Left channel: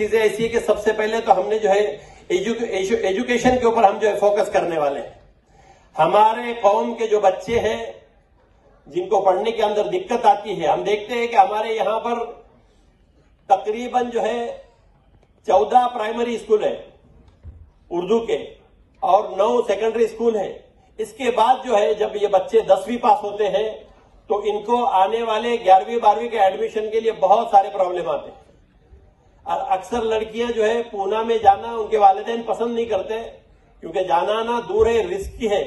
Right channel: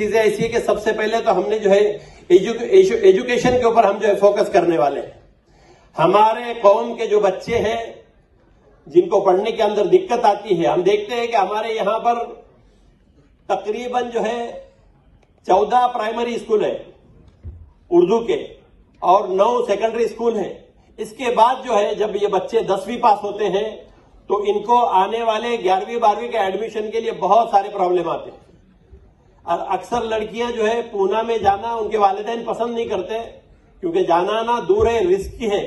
चीजें ऐसी है कि सबसे पहले तो हमने जो है एजुकेशन के ऊपर हम जो है फोकस करने वाले हैं। हमारे कौम के जो बच्चे हैं जिनको पढ़ने के अंदर दिक्कत आती है, हम देखते हैं कि हमारे यहां पर तकरीबन जो है 14 प्राइमरी स्कूल है उर्दू के और 9 सेकेंडरी स्कूल है। इसके बाद जो है जब ये बच्चे 10वीं पास होते हैं तो इनको आने वाले 11वीं 12वीं के एडमिशन के लिए बहुत सारे प्रॉब्लम आते हैं। और अक्सर लड़कियां जो है पूना में जाना उनके वालिदैन पसंद नहीं करते क्योंकि जाना आना दूर है, रिस्की है।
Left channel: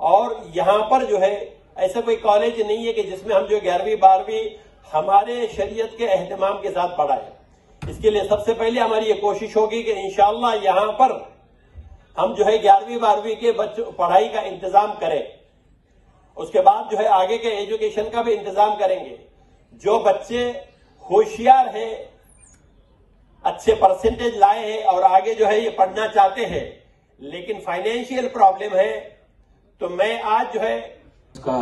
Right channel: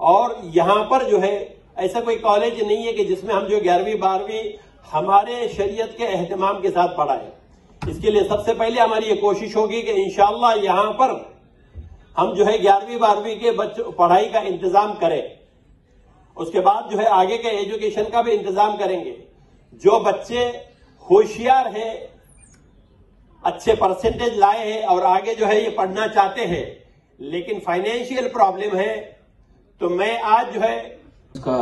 और यहां पर जो है ऐसा कोई कॉलेज नहीं है कि जिसमें हम जो 11वीं 12वीं हमारे शरीयत के एहतमाम के साथ पढ़ाएं। इसके लिए सबसे पहले हमारी ये कोशिश होगी कि इंशाअल्लाह यहां पर हम जो है 11वीं 12वीं के बच्चों पढ़ाई का इंतजाम करें। उसके बाद जो है आगे के एजुकेशन का भी इंतजाम करेंगे। जो बच्चे होशियार हैं, अच्छे परसेंटेज लाए हैं और आगे जो है ये पढ़ना चाहते हैं लेकिन फाइनेंशियल प्रॉब्लम है, तो मैं आज जो है का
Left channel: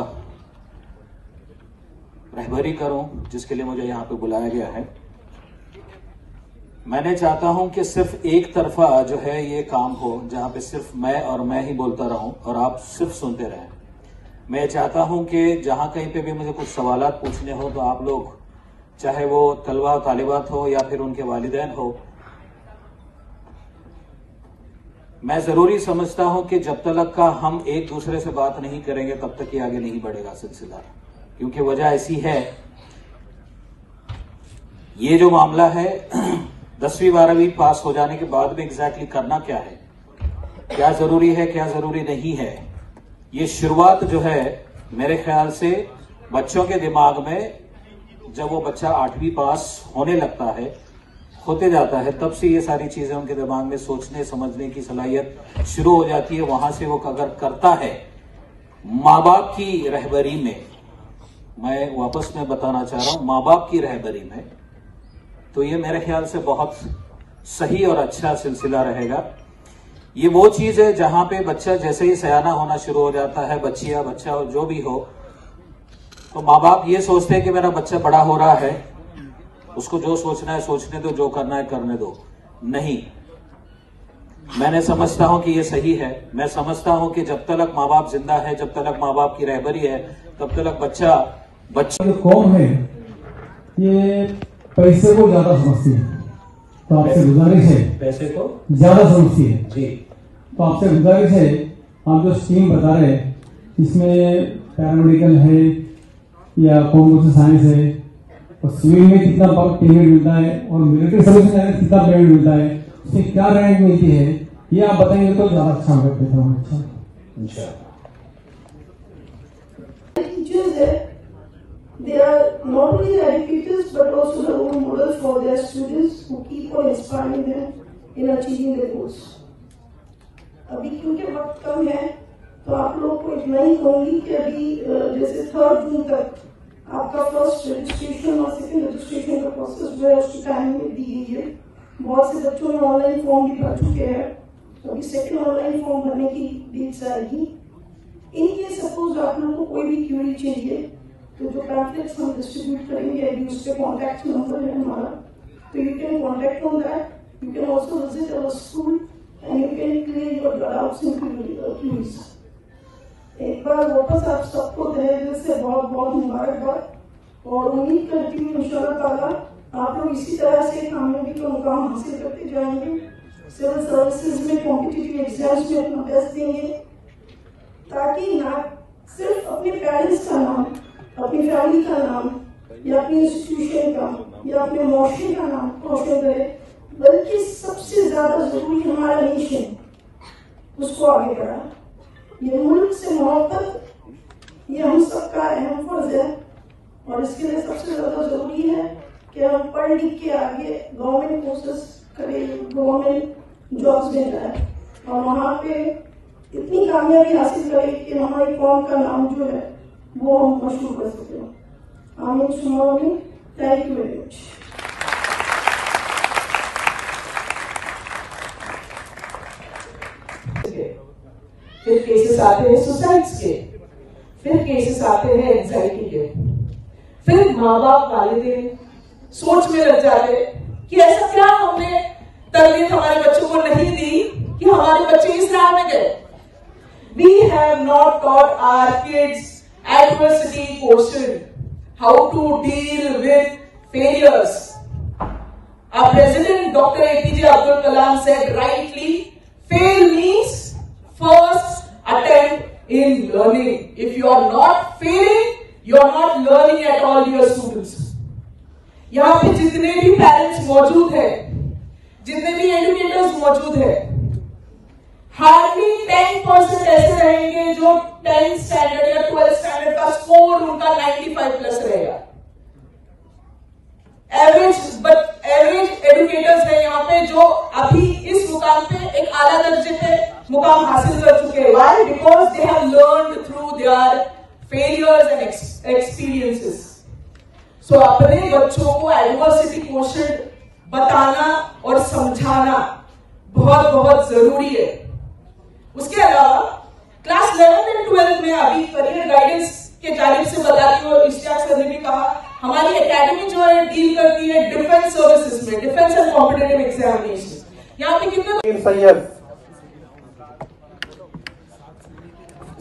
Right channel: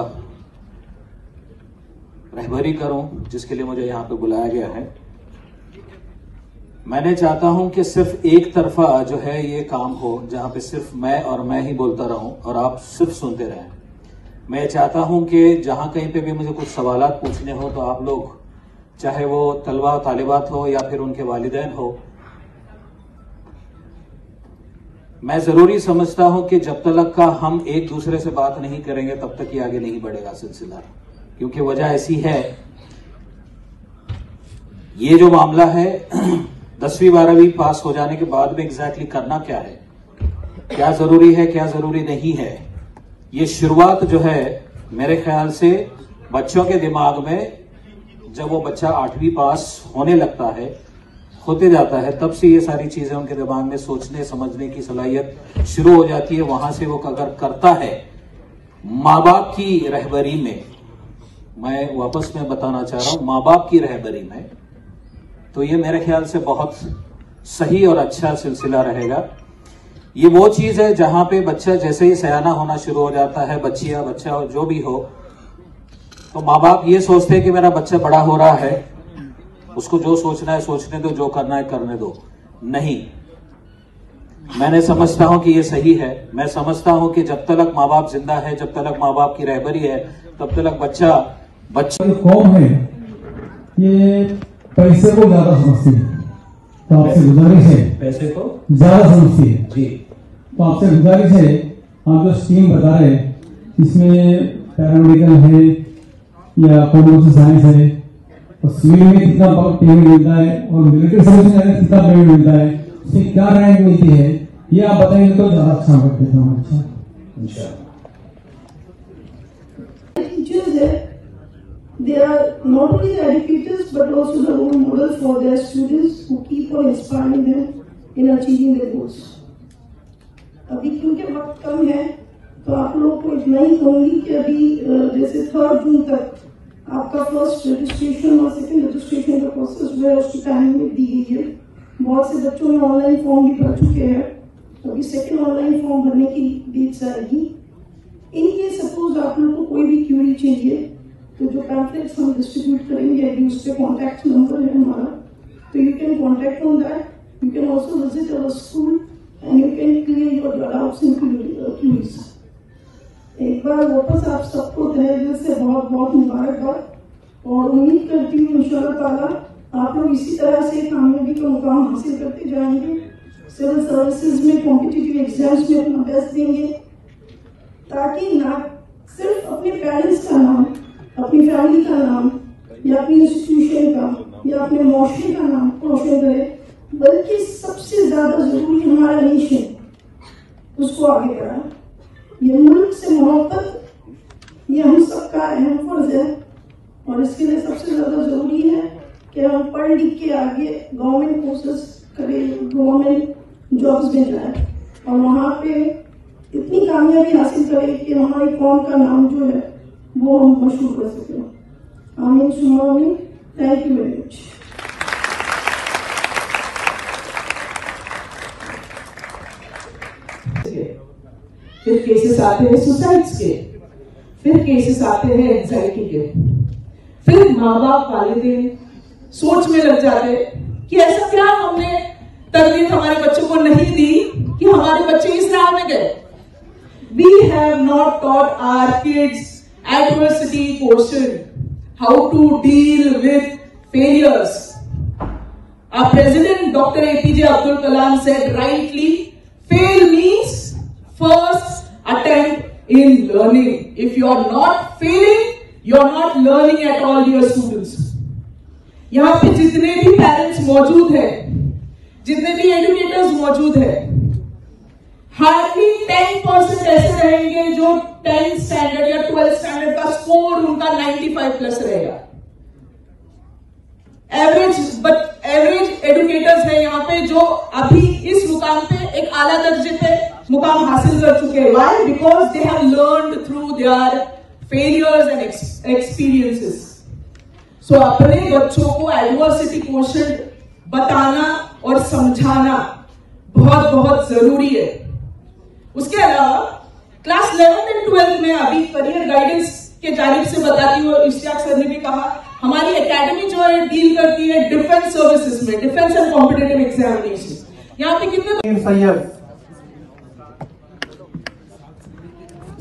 रहबरी करूं जिसके लिए मुझे यहां पे बुलाया गया है। मैंने चाहता हूं कि सिर्फ एक तरफा जो है ये काम हो जहां पे सिर्फ मैं और मैं ही बोलता रहूं और आप सिर्फ सुनते रहें। मैं चाहता हूं कि जहां कहीं पे भी मुझे कुछ सवालात पूछने हो तो आप लोग, चाहे वो तलबा तालिबात हो या फिर उनके वालिदैन हो, मैं जरूरी समझता हूं कि जब तक का हम एक दूसरे से बात नहीं करेंगे तब तक ये आगे नहीं बढ़ेगा सिलसिला। क्योंकि वजह ऐसी है, ये जो मामला है 10वीं 12वीं पास हो जाने के बाद में एग्जैक्टली करना क्या है, क्या जरूरी है क्या जरूरी नहीं है, ये शुरुआत जो है मेरे ख्याल से बच्चों के दिमाग में जब वो बच्चा 8वीं पास होने लगता है, होते जाता है, तब से ये सारी चीजें उनके दिमाग में सोचने समझने की सलाहियत शुरू हो जाती है। वहां से वो अगर करता है माँ बाप की रहबरी में, मैं वापस में बताना चाह रहा हूं, माँ बाप की रहबरी में, तो ये मेरे ख्याल से बहुत सही और अच्छा सिलसिला रहेगा। ये वो चीज है जहां पे बच्चा जैसे ही सयाना होना शुरू हो जाता है, बच्ची या बच्चा जो भी हो, तो माँ बाप ये सोचते हैं कि मेरा बच्चा बड़ा हो रहा है, उसको जो सोचना है सोचने दो, जो करना है करने दो। नहीं, मैंने समझता हूं कि ये सही है। मैं समझता हूं कि जब तक माँ बाप जिंदा है, जब तक माँ बाप की रहबरी है, तब तक बच्चा कौम है ये पैसे को ज्यादा समझती है, तो आपसे गुजारिश है, पैसे को ज्यादा समझती है जी, तो आपसे गुजारिश है, आप जो स्कीम बता रहे इसमें पैरामेडिकल है या कंप्यूटर साइंस है और सिविल में कितना पेमेंट मिलता है और मिलिट्री सर्विस में कितना पेमेंट मिलता है, उसमें क्या रैंक मिलती है, ये आप बताएंगे तो ज्यादा अच्छा करते अच्छा। They are not only the educators but also the role models for their students who keep on inspiring them in achieving their goals. अभी क्योंकि वक्त कम है तो आप लोगों को इतना ही कहूंगी कि अभी जैसे 3 जून तक आपका फर्स्ट रजिस्ट्रेशन और सेकंड रजिस्ट्रेशन का प्रोसेस जो है उसकी टाइमिंग दी गई है। बहुत से बच्चों ने ऑनलाइन फॉर्म भी भर चुके हैं, तो अभी सेकंड ऑनलाइन फॉर्म भरने की डेट्स आएगी। इनके सपोज आप लोगों को कोई भी क्यूरी चाहिए तो जो पैम्फलेट्स हम डिस्ट्रीब्यूट करेंगे अभी उस पर कॉन्टैक्ट नंबर है हमारा, तो you can contact on that. You can also visit our school and you can clear your doubts in queries. एक बार वापस आप सबको तहे दिल से बहुत बहुत मुबारकबाद और उम्मीद करती हूँ इंशाअल्लाह ताला आप लोग इसी तरह से कामयाबी का मुकाम हासिल करते जाएंगे। सिविल सर्विसेज में कॉम्पिटिटिव एग्जाम्स में अपना बेस्ट देंगे ताकि ना सिर्फ अपने पेरेंट्स का नाम, अपनी फैमिली का नाम या अपनी इंस्टीट्यूशन का या अपने मुआशरे का नाम रोशन करे, बल्कि सबसे ज्यादा जरूरी हमारा नेशन उसको आगे बढ़ाए। ये मुल्क से मोहब्बत ये हम सबका अहम फर्ज है और इसके लिए सबसे ज्यादा जरूरी है कि हम पढ़ लिख के आगे गवर्नमेंट कोर्सेज करें, गवर्नमेंट जॉब्स में जाए और वहां पे इतनी कामयाबी हासिल करें कि हमारी कौम का नाम जो है वो हम मशहूर कर सकें। आमीन सुमा आमीन। Thank you very much. फिर केसेस आते हैं सुसाइड्स के, फिर केसेस आते हैं एंजाइटी के, फिर माँ बाप वालिदैन सोच में लग जाते कि ऐसा क्या हमने तरबियत हमारे बच्चों को नहीं दी कि हमारे बच्चे इस राह में गए। We have not taught our kids adversity quotient, how to deal with failures. Our President Dr. APJ Abdul Kalam said rightly, fail means first attempt in learning. If you are not failing, you are not learning at all, dear students. यहाँ पे जितने भी parents मौजूद हैं, जितने भी educators मौजूद हैं, हार्डली 10% ऐसे रहेंगे जो 10th स्टैंडर्ड या 12th स्टैंडर्ड का स्कोर उनका 95 प्लस रहेगा। एवरेज एजुकेटर्स है यहाँ पे जो अभी इस मुकाम पे एक आला दर्जे पे मुकाम हासिल कर चुके हैं। Why? Because they have learned through their failures and experiences. So अपने बच्चों को एडवर्सिटी क्वोशंट बताना और समझाना बहुत बहुत जरूरी है। उसके अलावा क्लास 11th एंड 12th में अभी करियर गाइडेंस के जानिब से बताती हूँ, इश्तियाक सर ने भी कहा, हमारी एकेडमी जो है डील करती है डिफेंस सर्विसेज में, डिफेंस एंड कॉम्पिटिटिव एग्जामिनेशन। यहाँ पे कितने सैयद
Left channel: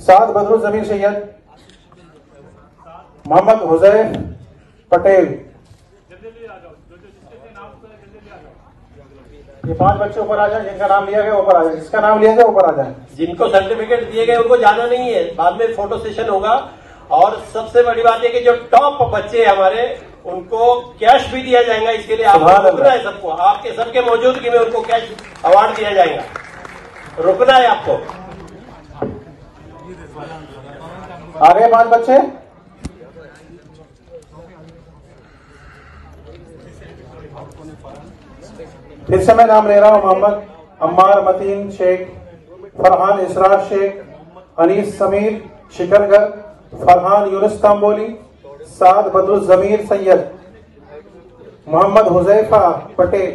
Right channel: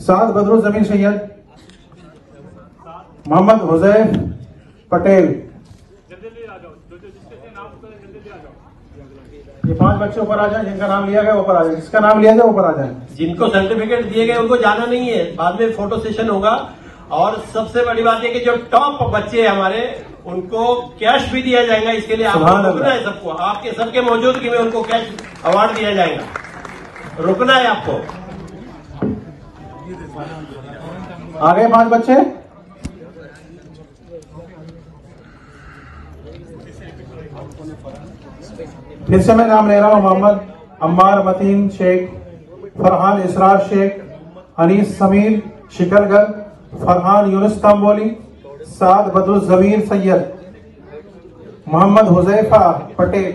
साद बदरुल जमीन सैयद, मोहम्मद हुजैफ पटेल। ये 5 बच्चे ऊपर आ जाए, जिनका नाम लिया गया ऊपर आ जाए, जिसका नाम लिया गया ऊपर आ जाए। जिनको सर्टिफिकेट दिए गए उनको जाना नहीं है, बाद में फोटो सेशन होगा। और सबसे बड़ी बात है कि जो टॉप बच्चे हैं हमारे, उनको कैश भी दिया जाएगा। इसके लिए आप रुकना है सबको, आपके सबके मौजूदगी में उनको कैश अवार्ड दिया जाएगा। रुकना है आपको। आगे 5 बच्चे। फिर से मैं नाम ले रहा हूँ, मोहम्मद अम्मार मतीन शेख, फरहान इसरार शेख, अनीस समीर शिकरगर, फरहान यूनुस तंबोली, साद बदरुल जमीर सैयद, मोहम्मद हुजैफा पटेल।